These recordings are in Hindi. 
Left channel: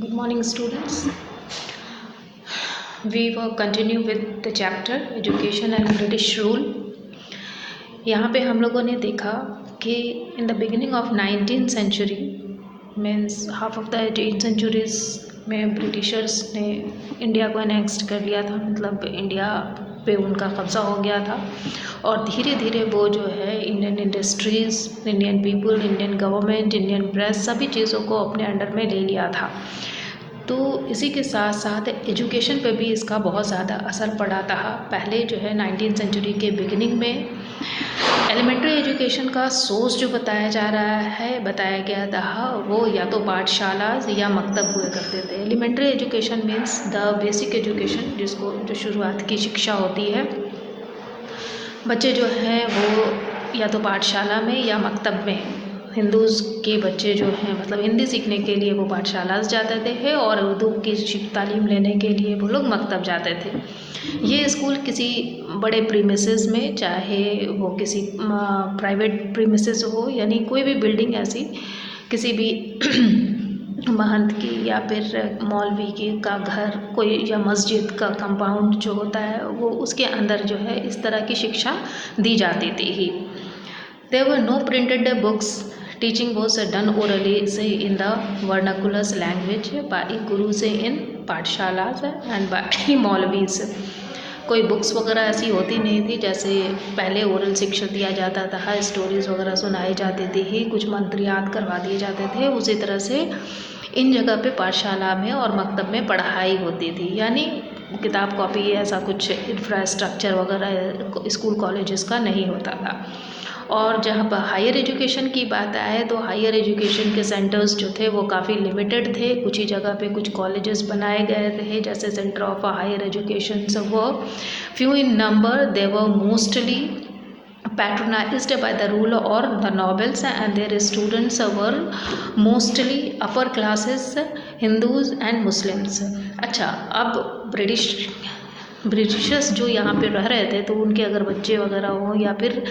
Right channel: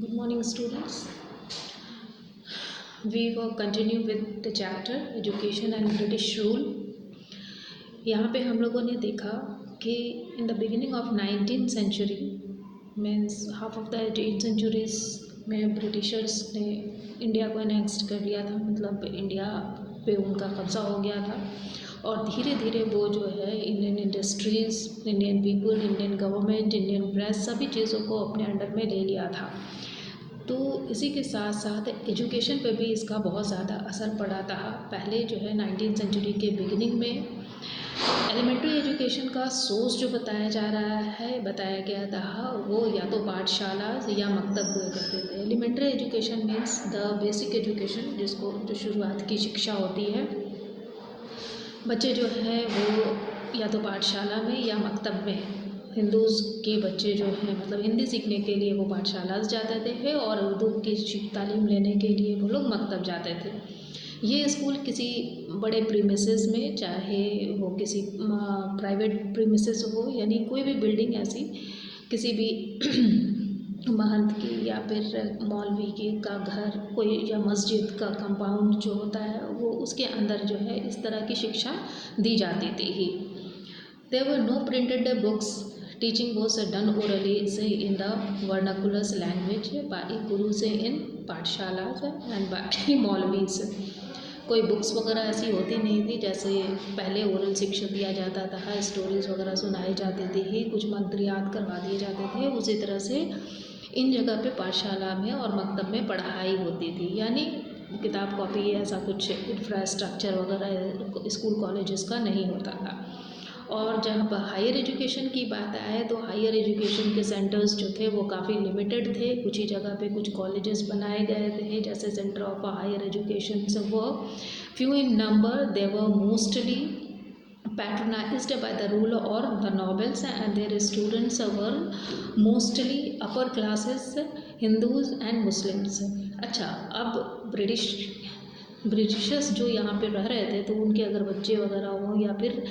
Good morning, students. We will continue with the chapter Education and British Rule. यहाँ पे हम लोगों ने देखा कि in the beginning of 19th century means half of the 18th centuries में ब्रिटिशर्स ने इंडिया को एनेक्स्ट कर लिया था, मतलब इंडिया पे उनका कब्ज़ा हो गया था और धीरे धीरे वो जो है Indian industries, Indian people, Indian government, Indian press सभी चीज़ों को अपने अंडर में ले लिया था। तो इसी के साथ साथ एजुकेशन पे भी इसका बहुत ज़्यादा असर पड़ा था। पहले जो है 19th सेंचुरी के बिगिनिंग में एलिमेंट्री एजुकेशन का सोर्स जो बताया गया था वो या तो पाठशाला या मकतब हुआ करते थे। Elementary education means the basic education, जिसको जो शुरुआत की शिक्षा होती है। बच्चे जो हैं वो या तो पाठशाला में या मकतब में, हिंदूज़ के बच्चे जो हैं मतलब हिंदी सीखने के लिए वो पाठशाला जाते थे और उर्दू की तालीम लेने के लिए वो लोग मकतब जाते थे। ये स्कूल किसी बड़े प्रीमिसेस में, चाहे वो किसी प्राइवेट प्रीमिसेस हो, यानी कोई भी बिल्डिंग ऐसी किसी भी महंत की या फिर मौलवी की का घर कोई या मस्जिद का कंपाउंड जो होता है वो उसके अंदर जो है इस तरह की शिक्षा दी जाती थी ही। There were no printed books. Teaching was done orally in the vernacular language by gurus in पाठशालास and by मौलवीज। कोई बुक्स वगैरह ऐसी होती नहीं थी, जैसे पहले ओरल शिक्षा दिया जाता था, स्टोरीज़ वगैरह सुनाई जाती थी ही, कुछ मंत्र याद करवा दिए जाते थे। उसी तरह से इन जगह पे पाठशाला में और मकतब में पढ़ाई होती थी, यानी किताब कॉपी ऐसा कुछ इंफ्रास्ट्रक्चर वगैरह स्कूल कॉलेजेस का नहीं होता था। और जहाँ पर हायर एजुकेशन की बात आए तो हायर एजुकेशन के सेंटर्स जो थे वो काफ़ी लिमिटेड थे। कुछ ही जगह पे कुछ कॉलेजेस बनाए गए थे, जैसे सेंटर ऑफ हायर एजुकेशन सब वो few in number. They were mostly patronized by the ruler or the nobles and their students were mostly upper classes, Hindus and Muslims। अच्छा, अब ब्रिटिशर्स जो यहाँ पे रह रहे थे तो उनके अगर बच्चे वगैरह हों या फिर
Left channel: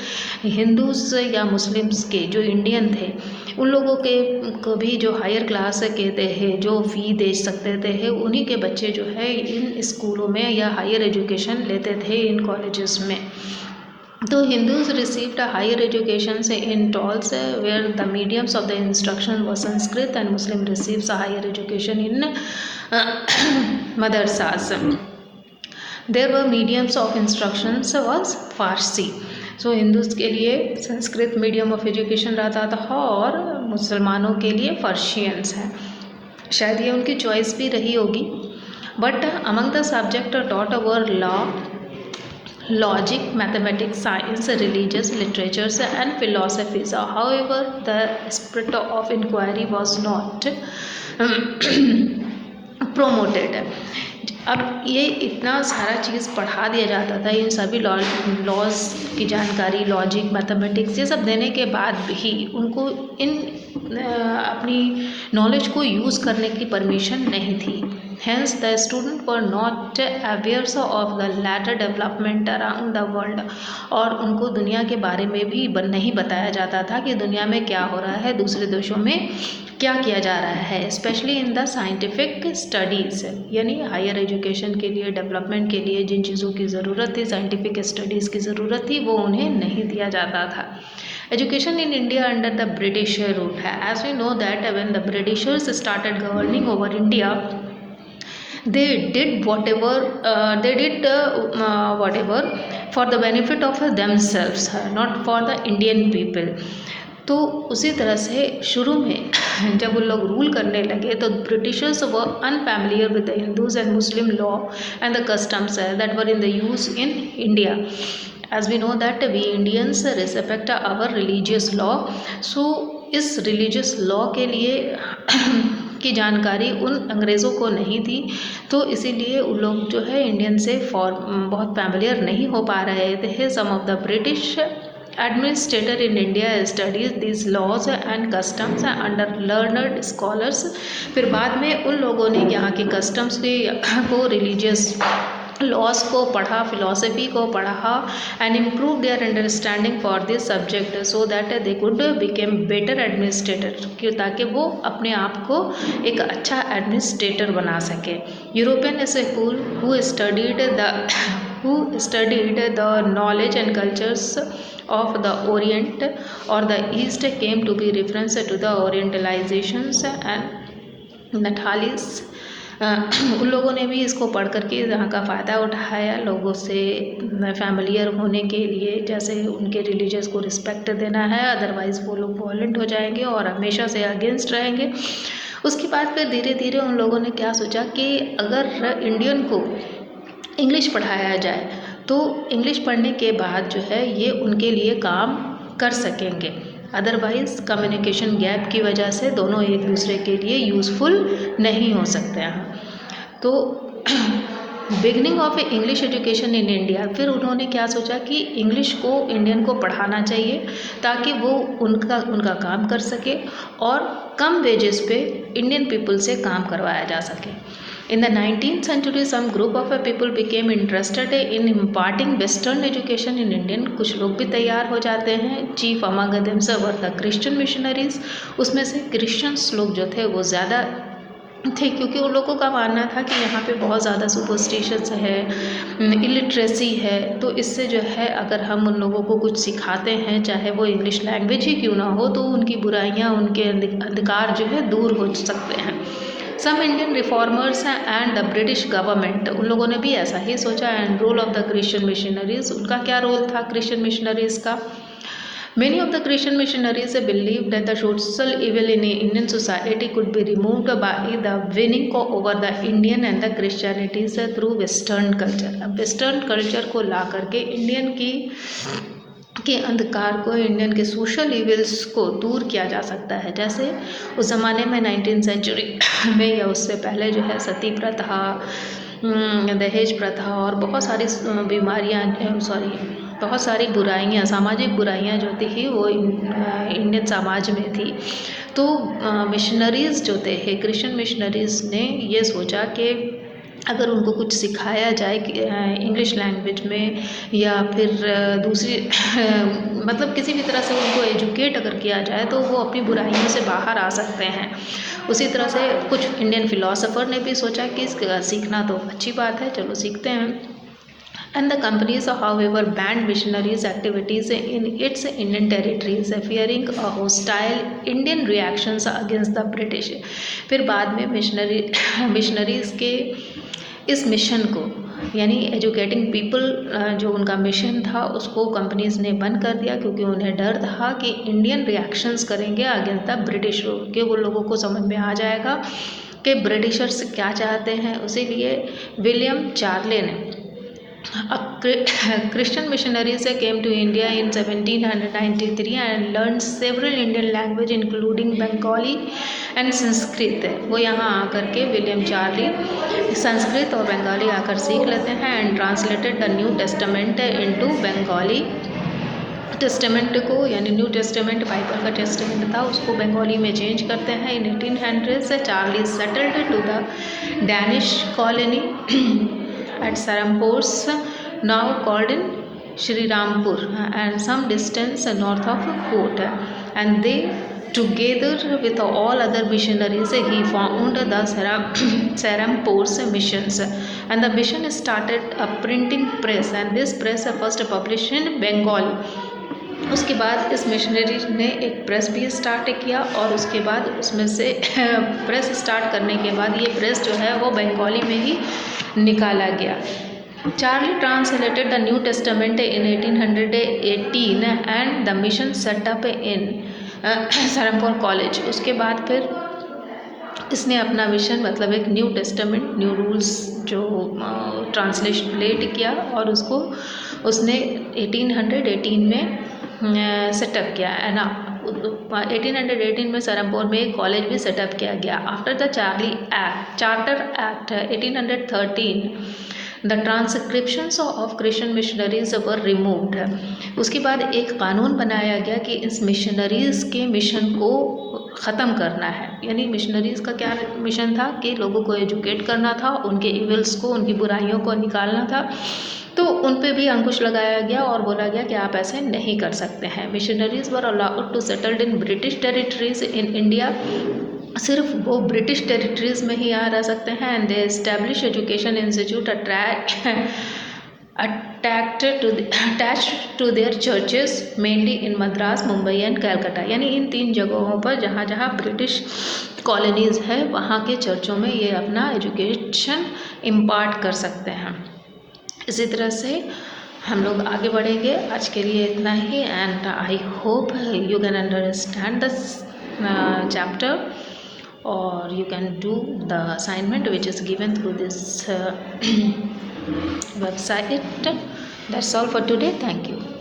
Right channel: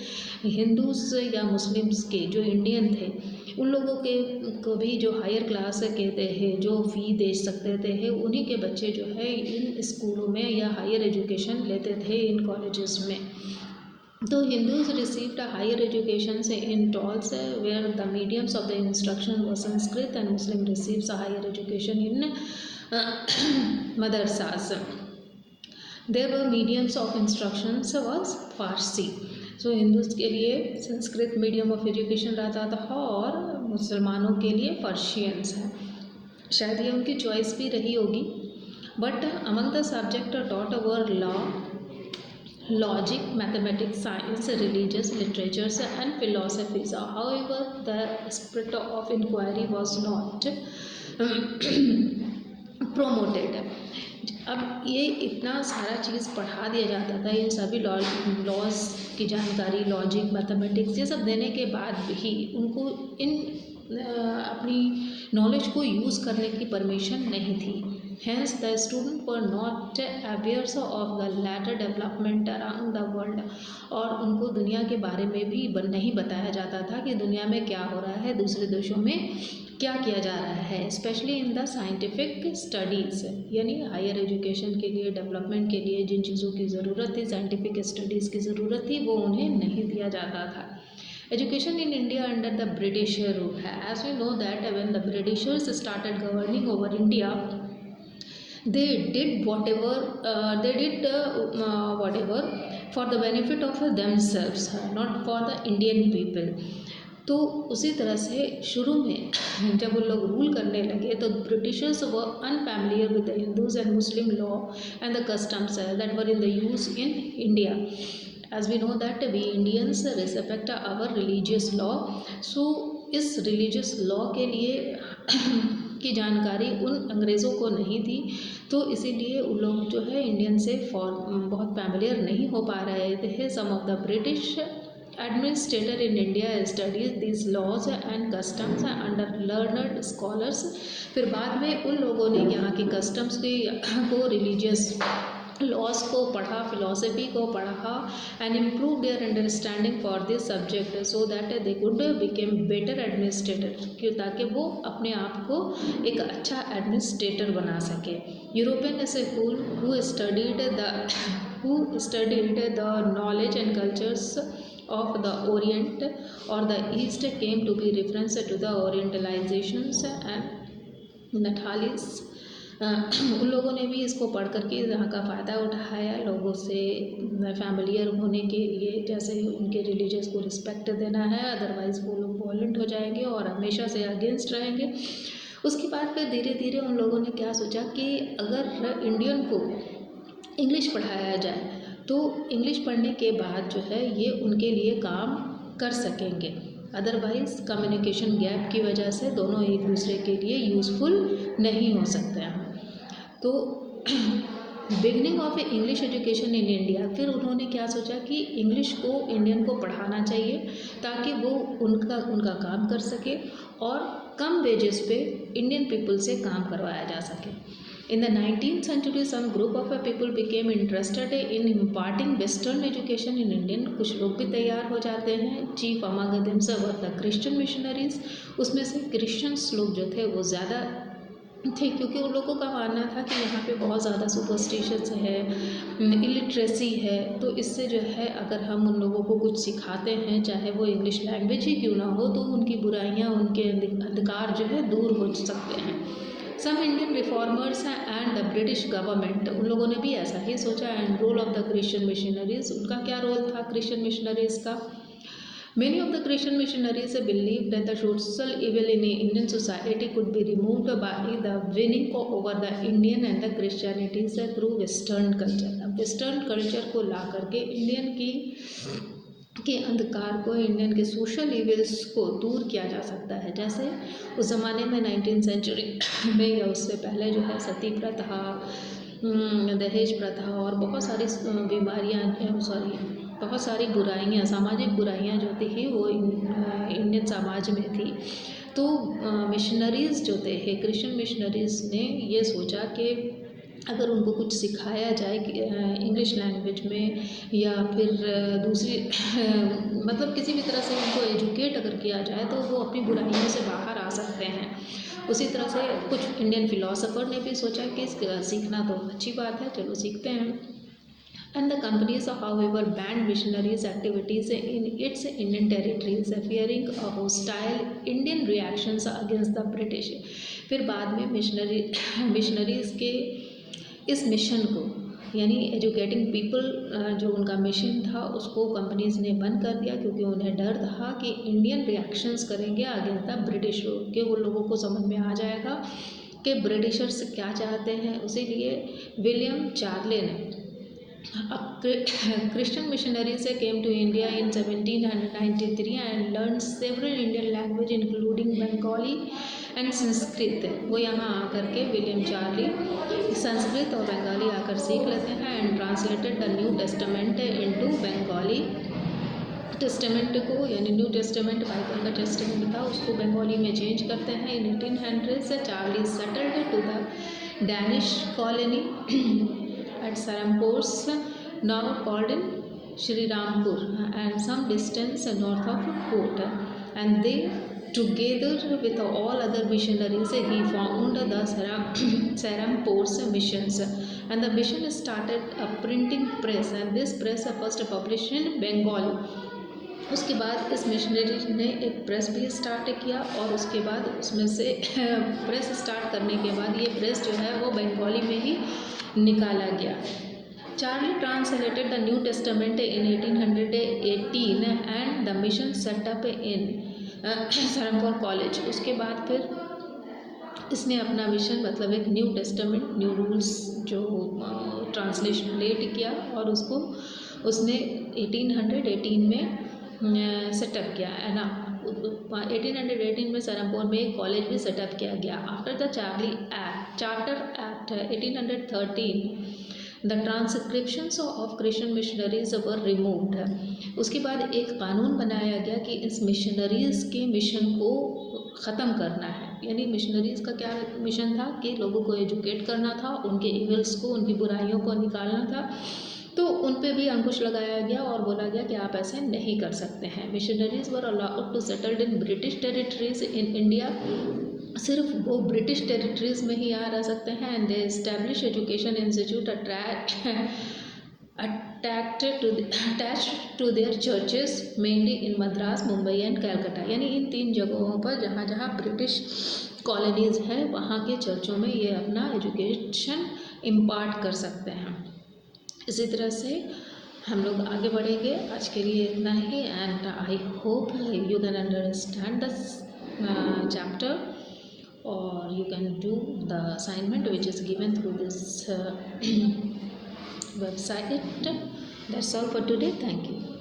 हिंदूज़ या मुस्लिम्स के जो इंडियन थे उन लोगों के को भी जो हायर क्लास के थे जो फ़ी दे सकते थे, उन्हीं के बच्चे जो है इन स्कूलों में या हायर एजुकेशन लेते थे इन कॉलेजेस में। तो Hindus received a higher education in Tolls, where the mediums of the instruction was Sanskrit, and Muslim receives a higher education in madrasas. There were mediums of instructions was Farsi. So Hindus के लिए संस्कृत मीडियम ऑफ एजुकेशन रहता था और मुसलमानों के लिए पर्शियंस है। शायद ये उनकी चॉइस भी रही होगी। But among the subject taught were law, logic, mathematics, science, religious, literatures and philosophies. However, the spirit of inquiry was not promoted. अब ये इतना सारा चीज़ पढ़ा दिया जाता था, इन सभी लॉज की जानकारी, लॉजिक, मैथमेटिक्स ये सब देने के बाद भी उनको इन अपनी नॉलेज को यूज़ करने की परमिशन नहीं थी। Hence, the students were not aware of the latter development around the world। और उनको दुनिया के बारे में भी नहीं बताया जाता था कि दुनिया में क्या हो रहा है, दूसरे देशों में क्या किया जा रहा है, specially in the scientific studies. यानी हायर एजुकेशन के लिए, डेवलपमेंट के लिए जिन चीज़ों की ज़रूरत थी, साइंटिफिक स्टडीज़ की ज़रूरत थी, वो उन्हें नहीं दिया जाता था। Education in India under the British rule है। As we know that when the Britishers started governing over India, they did whatever for the benefit of themselves, not for the Indian people। तो उसी तरह से शुरू में जब उन लोग रूल करने लगे तो Britishers were unfamiliar with the Hindus and Muslim law and the customs that were in the use in India. As we know that we Indians respect our religious law. So इस रिलीजियस लॉ के लिए की जानकारी उन अंग्रेज़ों को नहीं थी, तो इसीलिए उन लोग जो है इंडियन से बहुत फैमिलियर नहीं हो पा रहे थे। Some of the British administrator in India studies these laws and customs under learned scholars। फिर बाद में उन लोगों ने यहाँ के कस्टम्स को रिलीजियस लॉस को पढ़ा, फिलोसफी को पढ़ा and improve their understanding for this subject so that they could became better administrator, क्यों ताकि वो अपने आप को एक अच्छा एडमिनिस्ट्रेटर बना सके। European school who studied the knowledge and cultures of the Orient or the East came to be reference to the Orientalizations and Nathalis। उन लोगों ने भी इसको पढ़ करके यहाँ का फ़ायदा उठाया, लोगों से फैमिलियर होने के लिए, जैसे उनके रिलीजियस को रिस्पेक्ट देना है, अदरवाइज़ वो लोग वॉलेंट हो जाएंगे और हमेशा से अगेंस्ट रहेंगे। उसके बाद फिर धीरे धीरे उन लोगों ने क्या सोचा कि अगर इंडियन को इंग्लिश पढ़ाया जाए तो इंग्लिश पढ़ने के बाद जो है ये उनके लिए काम कर सकेंगे, अदरवाइज़ कम्युनिकेशन गैप की वजह से दोनों एक दूसरे के लिए यूज़फुल नहीं हो सकते हैं। तो beginning of English education in India, फिर उन्होंने क्या सोचा कि इंग्लिश को इंडियन को पढ़ाना चाहिए ताकि वो उनका काम कर सके और कम वेजेस पे इंडियन पीपल से काम करवाया जा सके। In the 19th century, some group of people became interested in imparting Western education in Indian। कुछ लोग भी तैयार हो जाते हैं। Chief among them were the Christian missionaries। उसमें से क्रिश्चियंस लोग जो थे वो ज़्यादा थे, क्योंकि उन लोगों का मानना था कि यहाँ पे बहुत ज़्यादा सुपरस्टिशंस है, इलिटरेसी है, तो इससे जो है अगर हम उन लोगों को कुछ सिखाते हैं, चाहे वो इंग्लिश लैंग्वेज ही क्यों ना हो, तो उनकी बुराइयाँ, उनके अधिकार जो है दूर हो सकते हैं। Some Indian reformers and the British government, उन लोगों ने भी ऐसा ही सोचा। And role of the Christian missionaries, उनका क्या रोल था क्रिश्चियन मिशनरीज का। Many of the Christian missionaries believed that the social evil in Indian society could be removed by the winning over the Indian and the Christianities through Western culture। अब वेस्टर्न कल्चर को ला करके इंडियन के अंधकार को, इंडियन के सोशल इविल्स को दूर किया जा सकता है। जैसे उस ज़माने में 19th सेंचुरी में या उससे पहले जो है सती प्रथा, दहेज प्रथा और बहुत सारी बहुत सारी बुराइयाँ, सामाजिक बुराइयाँ जो थी वो इंडियन समाज में थी। तो मिशनरीज़ जो थे, क्रिश्चियन मिशनरीज़ ने ये सोचा कि अगर उनको कुछ सिखाया जाए इंग्लिश लैंग्वेज में या फिर दूसरी मतलब किसी भी तरह से उनको एजुकेट अगर किया जाए तो वो अपनी बुराइयों से बाहर आ सकते हैं। उसी तरह से कुछ इंडियन फिलोसोफर ने भी सोचा कि सीखना तो अच्छी बात है, चलो सीखते हैं। And the companies, however, banned missionaries' activities in its Indian territories, fearing a hostile Indian reactions against the British। फिर बाद में मिशनरीज़ के इस मिशन को, यानी एजुकेटिंग पीपल, जो उनका मिशन था उसको कंपनीज़ ने बंद कर दिया, क्योंकि उन्हें डर था कि इंडियन रिएक्शंस करेंगे अगेंस्ट द ब्रिटिश रूल, कि वो लोगों को समझ में आ जाएगा कि ब्रिटिशर्स क्या चाहते हैं। इसीलिए विलियम चार्ले ने Christian missionaries came to India in 1793 and learned several Indian language including Bengali and Sanskrit। वो यहाँ आकर के विलियम चार्ली संस्कृत और बंगाली आकर सीख लेते हैं and translated the new testament into Bengali. Testament को, यानी न्यू टेस्टामेंट बाइबल का टेस्टामेंट था, उसको बंगाली में चेंज करते हैं। In 1800 Charlie settled to the Danish colony at Serampore, now called in Srirampur, and some distance north of Port, and they together with all other missionaries he found the Serampore missions, and the mission started a printing press, and this press first published in Bengal। उसके बाद इस मिशनरी ने एक प्रेस भी स्टार्ट किया और उसके बाद उसमें से प्रेस स्टार्ट करने के बाद ये प्रेस जो है वो बंगाली में ही निकाला गया। Charlie translated the new testament in 1818 and the mission setup in Serampore college. उसके बाद फिर इसने अपना मिशन, मतलब एक न्यू टेस्टामेंट, न्यू रूल्स जो ट्रांसलेट किया और उसको उसने 1818 में सेटअप किया है ना। 1818 में सरमपुर में एक कॉलेज भी सेटअप किया गया। After the charter act 1813 the transcriptions of Christian missionaries were removed. उसके बाद एक कानून बनाया गया कि इस मिशनरीज़ के मिशन को ख़त्म करना है। यानी मिशनरीज़ का क्या मिशन था कि लोगों को एजुकेट करना था, उनके इविल्स को, उनकी बुराइयों को निकालना था। तो उन पे भी अंकुश लगाया गया और बोला गया कि आप ऐसे नहीं कर सकते हैं। Missionaries were allowed to settled in British territories in India. सिर्फ वो ब्रिटिश टेरिटरीज में ही आ रह सकते हैं। And they establish education institute attached to their churches mainly in Madras, Mumbai and Calcutta. यानी इन 3 जगहों पर जहाँ जहाँ ब्रिटिश कॉलोनीज़ है वहाँ के चर्चों में ये अपना एजुकेशन इम्पार्ट कर सकते हैं। इसी तरह से हम लोग आगे बढ़ेंगे। आज के लिए इतना ही, and I hope you can understand this chapter और you can do the assignment which is given through this website. That's all for today. Thank you.